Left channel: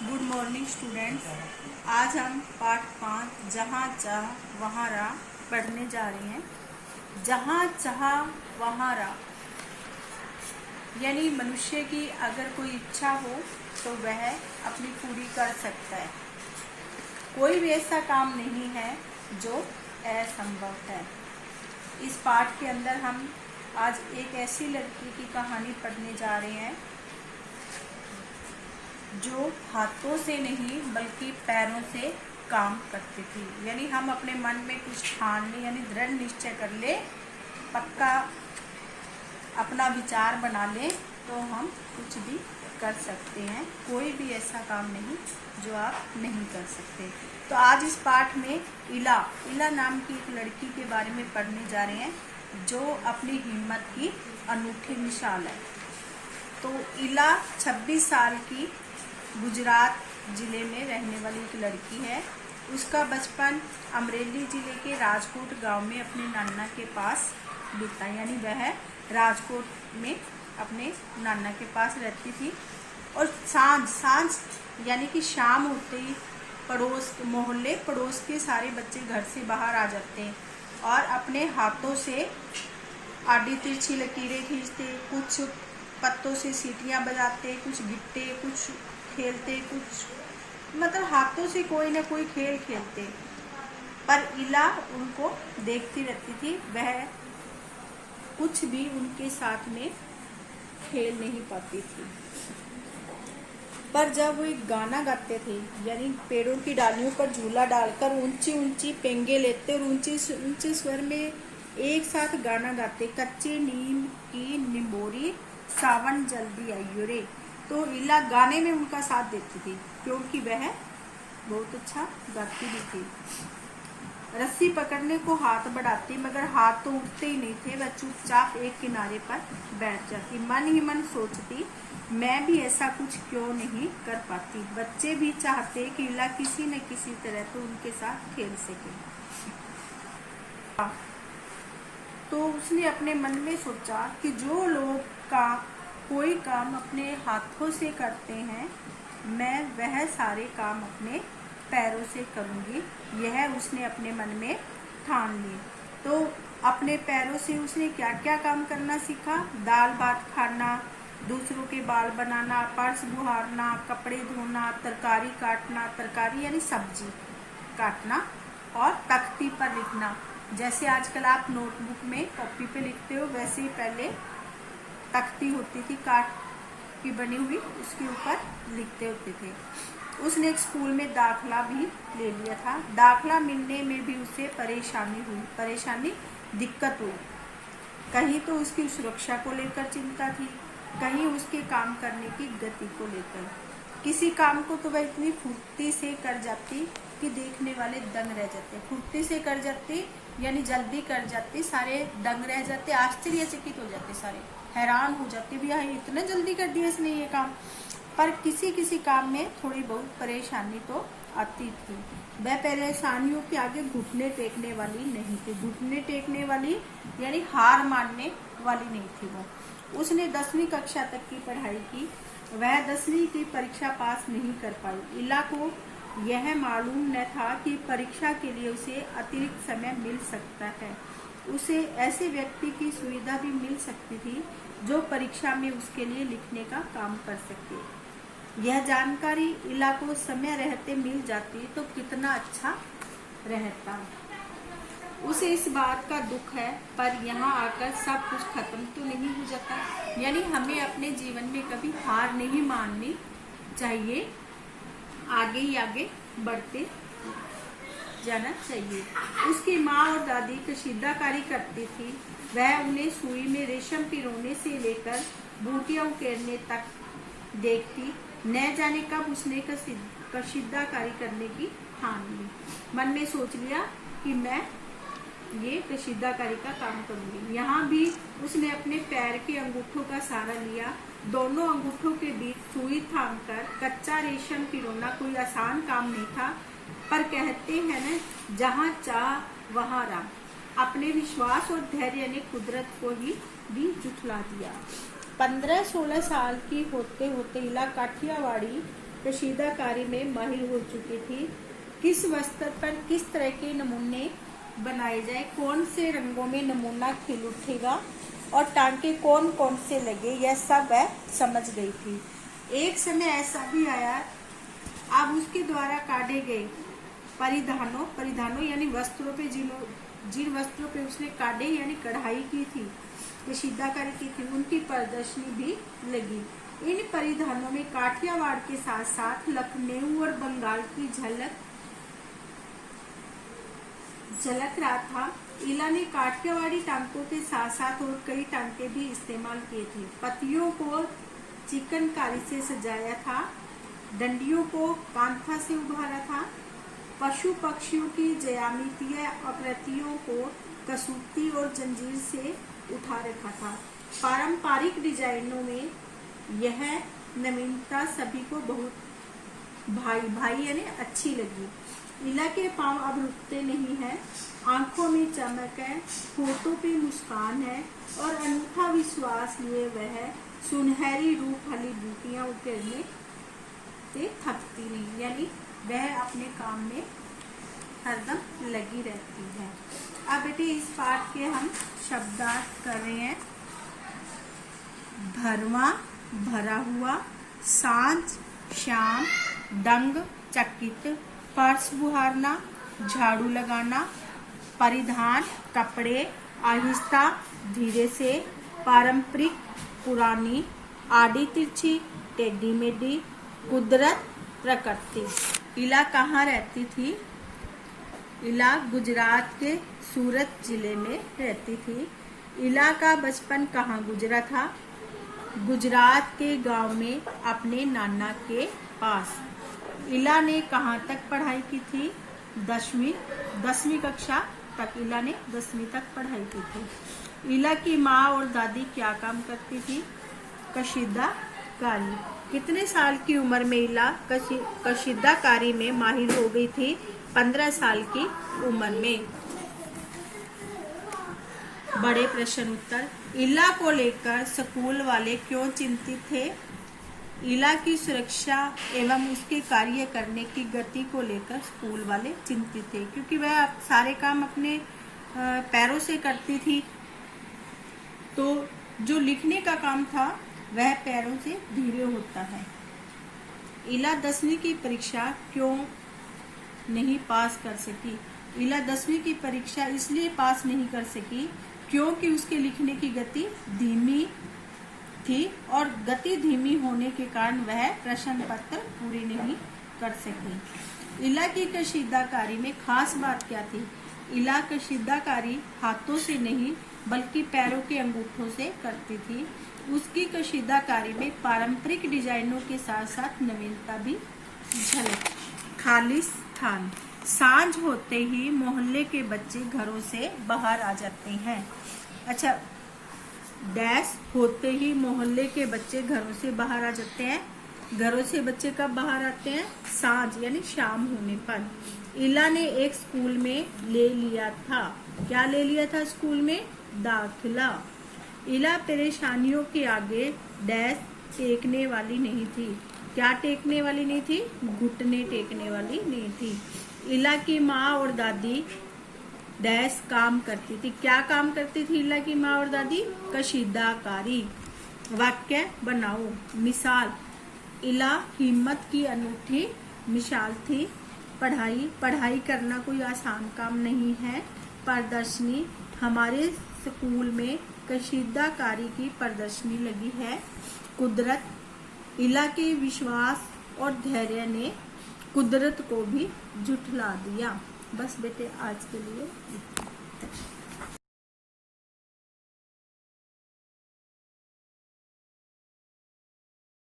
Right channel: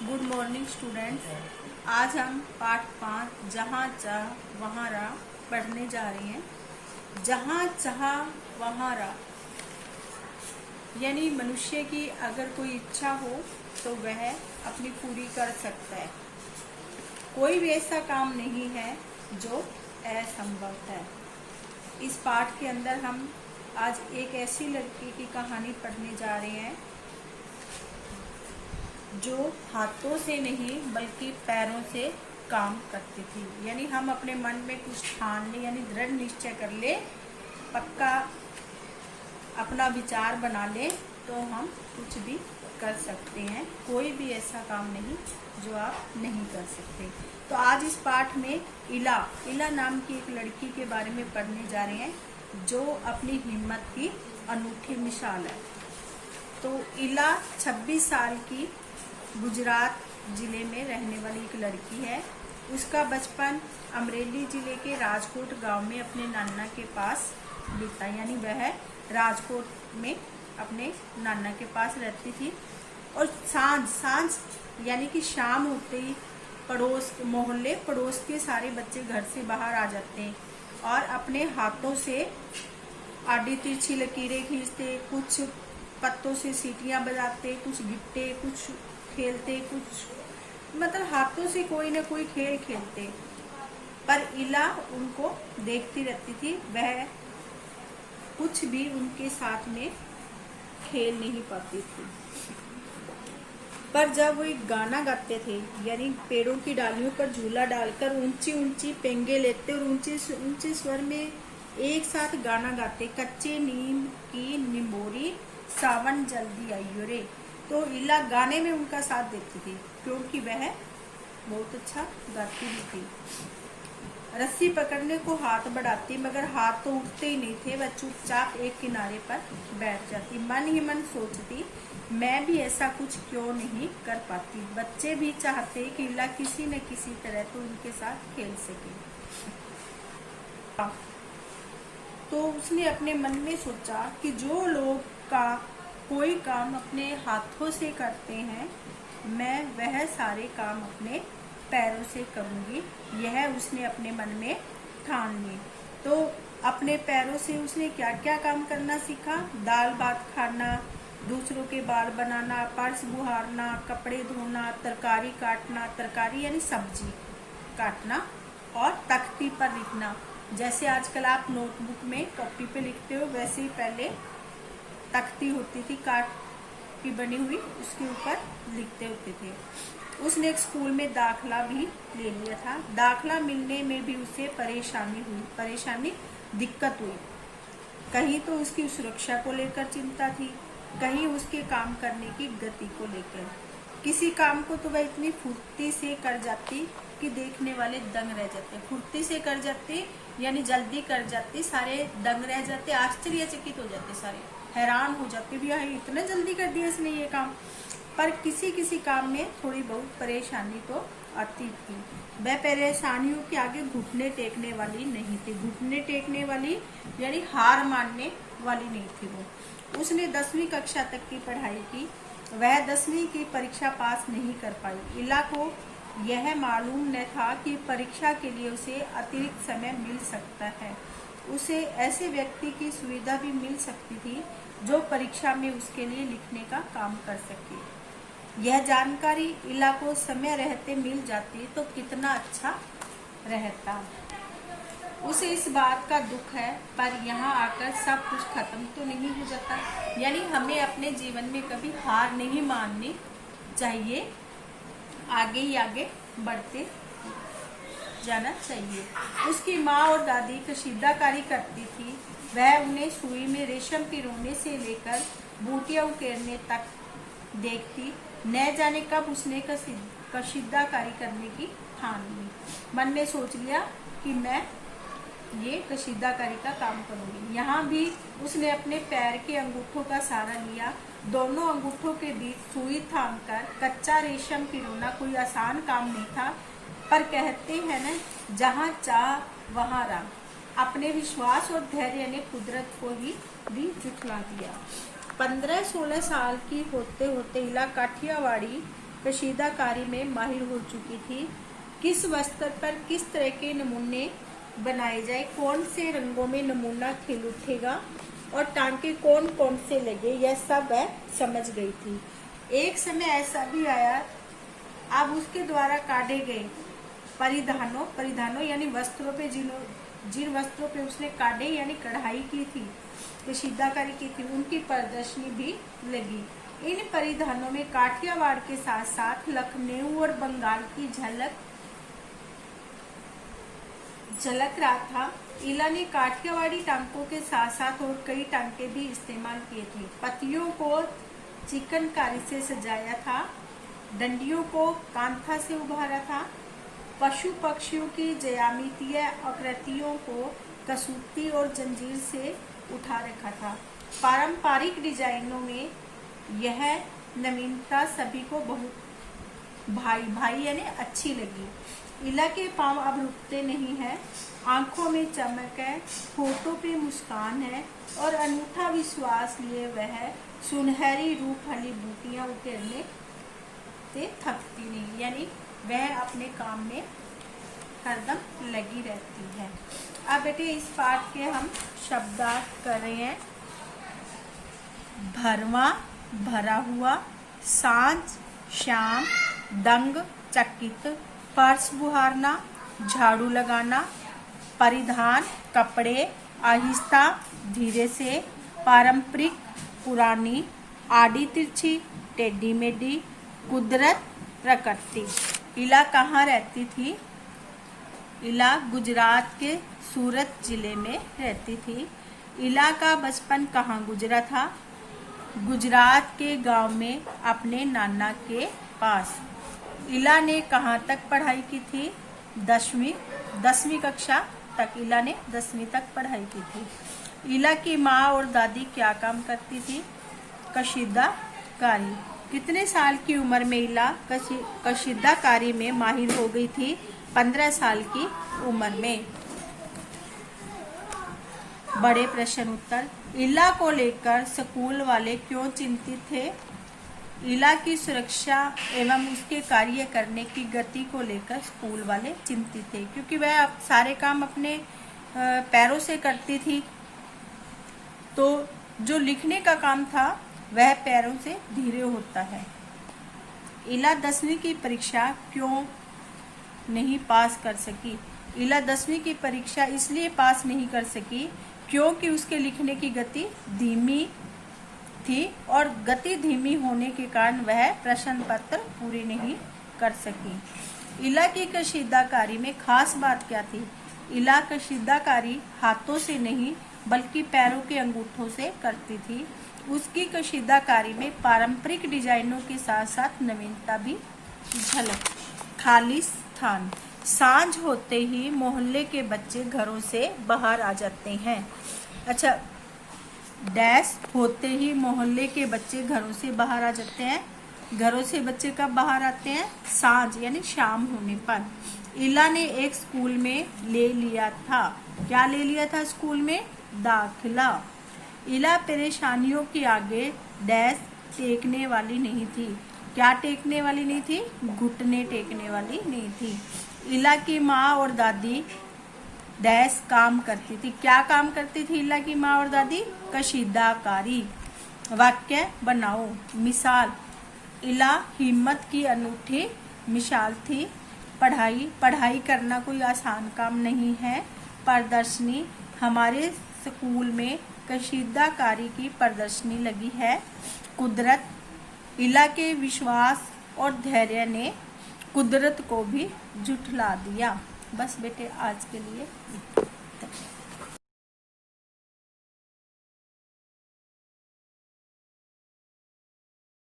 Good morning students. आज हम पाठ 5 जहाँ चाह वहाँ राह पढ़ने जा रहे हैं। जहाँ चाह वहाँ राह यानी मनुष्य की अगर कोई इच्छा हो तो वह अपनी पूरी कर सकता है। कोई भी ऐसा काम नहीं है जो असंभव है। इस पाठ के अंदर हम आज एक ऐसी लड़की की कहानी पढ़ने जा रहे हैं जो हाथों से नहीं बल्कि पैरों से काम करती थी। यानी हम अपने मन में कुछ ठान ले, यानी दृढ़ निश्चय कर ले, पक्का अपना विचार बना ले तो हम कुछ भी कर सकते हैं। कोई भी ऐसा काम नहीं जो आप नहीं कर सकते। तो आज इस पाठ में इला नाम की एक लड़की के बारे में पढ़ने जा रहे हैं जो अपनी हिम्मत की अनूठी मिसाल है। तो इला 26 साल की गुजरात जिले में रहने वाली एक लड़की है। उसका बचपन अमरेली जिले के राजकोट गांव में अपने नाना के पास बीता। यानी वह राजकोट में अपने नाना के पास रहती थी और सांझ यानी कि शाम होते ही पड़ोस के सारे बच्चे घर से बाहर आ जाते हैं और अपने हाथों से आड़ी तिरछी लकीरें खींचते, कुछ पत्तों से सीटियां बजाते, कुछ गिट्टे, कुछ खेलते, कुछ मतलब हाथों से कोई ना कोई खेल खेलते। पर इला उनको देखती रहती थी। वह कुछ भी उनके साथ में खेल नहीं पाती थी। पर जब वो एक गाना गाते थे, यानी पेड़ों की डालियों पर झूला डालकर ऊंची ऊंची पेंगे लेते और ऊंचे ऊंचे स्वर में एक साथ गाना गाते, कच्ची नींद की निमोरी सावन जल्दी आइयो रे। तो इला गाने में उनका साथ देती थी क्योंकि वह बहुत अच्छा गाती भी थी। रस्सी पकड़ने को हाथ बढ़ाती मगर हाथ तो उठते ही नहीं थे। वह चुपचाप एक किनारे पर बैठ जाती, मन ही मन सोचती मैं भी ऐसा कुछ क्यों नहीं कर पाती। बच्चे भी चाहते कि इला किसी न किसी तरह तो उनके साथ खेल सके। तो उसने अपने मन में सोचा कि जो लोग कोई काम अपने हाथों से करते हैं, मैं वह सारे काम अपने पैरों से करूंगी। यह उसने अपने मन में ठान ली। तो अपने पैरों से उसने क्या क्या काम करना सीखा। दाल भात खाना, दूसरों के बाल बनाना, पर्स बुहारना, कपड़े धोना, तरकारी काटना, तरकारी यानी सब्जी काटना, और तख्ती पर लिखना। जैसे आजकल आप नोटबुक में कॉपी पे लिखते हो, वैसे ही पहले तख्ती होती थी काट की बनी हुई, उसके ऊपर लिखते होते थे। उसने एक स्कूल में दाखला भी ले लिया था। दाखला मिलने में भी उसे दिक्कत हुई। कहीं तो उसकी सुरक्षा को लेकर चिंता थी, कहीं उसके काम करने की गति को लेकर। किसी काम को तो वह इतनी फुर्ती से कर जाती कि देखने वाले दंग रह जाते। फुर्ती से कर जाती यानी जल्दी कर जाती, सारे दंग रह जाते, आश्चर्यचकित हो जाते, सारे हैरान हो जाते भी यार इतना जल्दी कर दिया इसने ये काम। पर किसी किसी काम में थोड़ी बहुत परेशानी तो आती थी। वह परेशानियों के आगे घुटने टेकने वाली नहीं थी। घुटने टेकने वाली यानी हार मानने वाली नहीं थी वो। उसने 10वीं कक्षा तक की पढ़ाई की। वह 10वीं की परीक्षा पास नहीं कर पाई। इला को यह मालूम न था कि परीक्षा के लिए उसे अतिरिक्त समय मिल सकता है। उसे ऐसे व्यक्ति की सुविधा भी मिल सकती थी जो परीक्षा में उसके लिए लिखने का काम कर सके। यह जानकारी इला को समय रहते मिल जाती तो कितना अच्छा रहता। उसे इस बात का दुख है, पर यहाँ आकर सब कुछ खत्म तो नहीं हो जाता। यानी हमें अपने जीवन में कभी हार नहीं माननी चाहिए, आगे ही आगे बढ़ते जाना चाहिए। उसकी माँ और दादी कशीदाकारी करती थी। वह उन्हें सुई में रेशम पिरोने से लेकर बूटियां उकेरने तक देखती। न जाने कब उसने कशीदाकारी करने की ठान ली। मन में सोच लिया कि मैं ये कशीदाकारी का काम करूंगी। यहाँ भी उसने अपने पैर के अंगूठों का सहारा लिया। दोनों अंगूठों के बीच सुई थामकर कच्चा रेशम पिरोना कोई आसान काम नहीं था। पर कहते हैं न, जहाँ चाह वहाँ राह। अपने विश्वास और धैर्य ने कुदरत को ही भी जुटला दिया। 15-16 साल की होते होते इला काठियावाड़ी कशीदाकारी में माहिर हो चुकी थी। किस वस्त्र पर किस तरह के नमूने बनाए जाए, कौन से रंगों में नमूना खिल उठेगा और टांके कौन कौन से लगे, यह सब वह समझ गई थी। एक समय ऐसा भी आया, अब उसके द्वारा काटे गए परिधानों यानी वस्त्रों पे जिन वस्त्रों पे उसने काटे यानी कढ़ाई की थी, कशीदाकारी की थी, उनकी प्रदर्शनी भी लगी। इन परिधानों में काठियावाड़ के साथ साथ लखनऊ और बंगाल की झलक रहा था। इला ने काठियावाड़ी टांकों के साथ साथ और कई टांके भी इस्तेमाल किए थे। पत्तियों को चिकनकारी से सजाया था, डंडियों को कांथा से उभारा था, पशु पक्षियों की ज्यामितीय आकृतियों को कसूती और जंजीर से उठा रखा था। पारंपरिक डिजाइनों में यह नवीनता सभी को बहुत भाई यानी अच्छी लगी। इला के पांव अब रुकते नहीं है, आंखों में चमक है, होठों पे मुस्कान है और अनूठा विश्वास लिए वह सुनहरी रूप वाली बूटियां उकेरने से थकती नहीं, यानी वह अपने काम में हरदम लगी रहती है। अब बेटे इस पाठ के हम शब्दार्थ कर रहे हैं। भरवा, भरा हुआ, सांझ, शाम, दंग, चकित, फर्श बुहारना, झाड़ू लगाना, परिधान, कपड़े, आहिस्ता, धीरे से, पारंपरिक, पुरानी, आड़ी तिरछी, टेढ़ी मेढ़ी, कुदरत, प्रकृति। इला कहाँ रहती थी? इला गुजरात के सूरत जिले में रहती थी। इला का बचपन कहाँ गुजरा था? गुजरात के गांव में अपने नाना के पास। इला ने कहाँ तक पढ़ाई की थी? 10वीं कक्षा तक इला ने 10वीं तक पढ़ाई की थी। इला की माँ और दादी क्या काम करती थी? कशीदाकारी। कितने साल की उम्र में इला कशीदाकारी में माहिर हो गई थी? 15 साल की उम्र में। बड़े प्रश्न उत्तर। इला को लेकर स्कूल वाले क्यों चिंतित थे? इला की सुरक्षा एवं उसके कार्य करने की गति को लेकर स्कूल वाले चिंतित थे, क्योंकि वह सारे काम अपने पैरों से करती थी, तो जो लिखने का काम था वह पैरों से धीरे होता है। इला 10वीं की परीक्षा क्यों नहीं पास कर सकी? इला 10वीं की परीक्षा इसलिए पास नहीं कर सकी क्योंकि उसके लिखने की गति धीमी थी और गति धीमी होने के कारण वह प्रश्न पत्र पूरी नहीं कर सकी। इला की कशीदाकारी में खास बात क्या थी? इला कशीदाकारी हाथों से नहीं बल्कि पैरों के अंगूठों से करती थी। उसकी कशीदाकारी में पारंपरिक डिजाइनों के साथ साथ नवीनता भी झलक। खालिस्तान। सांझ होते ही मोहल्ले के बच्चे घरों से बाहर आ जाते हैं। अच्छा, डैश होते ही मोहल्ले के बच्चे घरों से बाहर आ जाते हैं। घरों से बच्चे कब बाहर आते हैं? सांझ यानी शाम होने पर। इला ने एक स्कूल में ले लिया था। क्या ले लिया था स्कूल में? दाखिला। इला परेशानियों के आगे डैश टेकने वाली नहीं थी। क्या टेकने वाली नहीं थी? घुटने टेकने वाली नहीं थी। इला की माँ और दादी डैश काम करती थी। क्या काम करती थी इला की माँ और दादी? कशीदाकारी। वाक्य बनाओ। मिसाल, इला हिम्मत की अनूठी मिसाल थी। पढ़ाई करना कोई आसान काम नहीं है। प्रदर्शनी, हमारे स्कूल में कशीदाकारी की प्रदर्शनी लगी है। कुदरत, इला के विश्वास और धैर्य ने कुदरत को भी झुठला दिया। बस बेटे आज के लिए।